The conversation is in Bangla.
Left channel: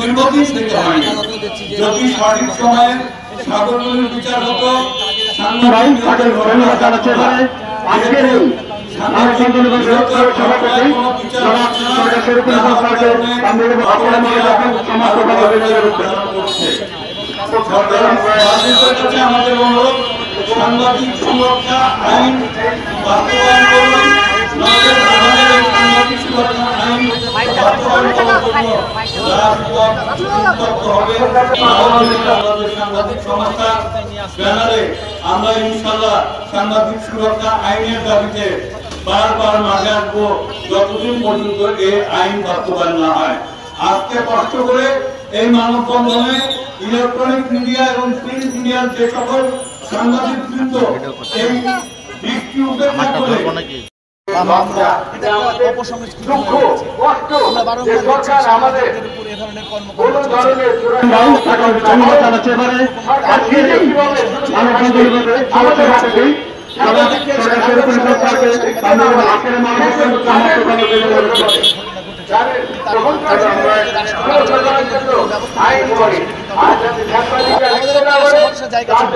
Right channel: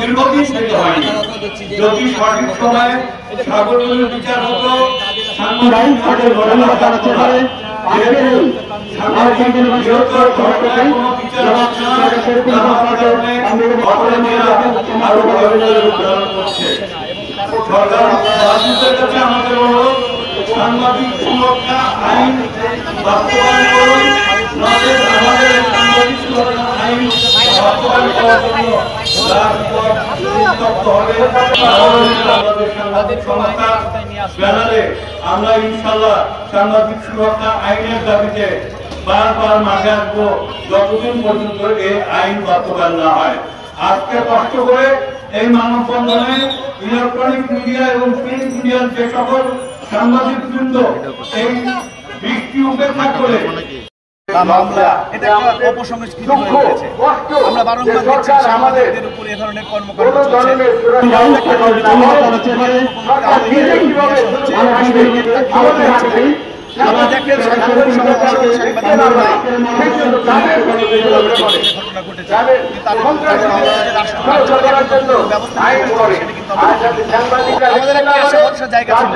দীর্ঘদিন থেকে হয়নি। যদি সঠিক সময়ে সাগরগুলোর বিচার হতো, আমাদের অনুরোধ সাংবাদিক সুরক্ষা আইন বাস্তবায়ন করুন, আমাদের সাংবাদিক সুরক্ষা আইন বাস্তবায়ন করার জন্য হবে। আমাদের সাংবাদিক সংস্থা ব্যানারে আমরা ইনশাল্লাহ সাংবাদিক সুরক্ষা আইনের দাবিতে বারবার মাঠে আসবো যতদিন পর্যন্ত এই আইন বাস্তবায়ন না হয়। আজকে কষ্ট করে এই মানববন্ধনে ইলেকট্রনিক মিডিয়া এবং প্রিন্ট মিডিয়ার যে সকল সাংবাদিক বৃন্দ এই দিকটি উপেক্ষা করে আমরা বারংবার দেখছি সাংবাদিকদের উপর এ ধরনের কর্মকাণ্ড চলছে। আমাদের একটা আশা ভরসার জায়গা ছিল।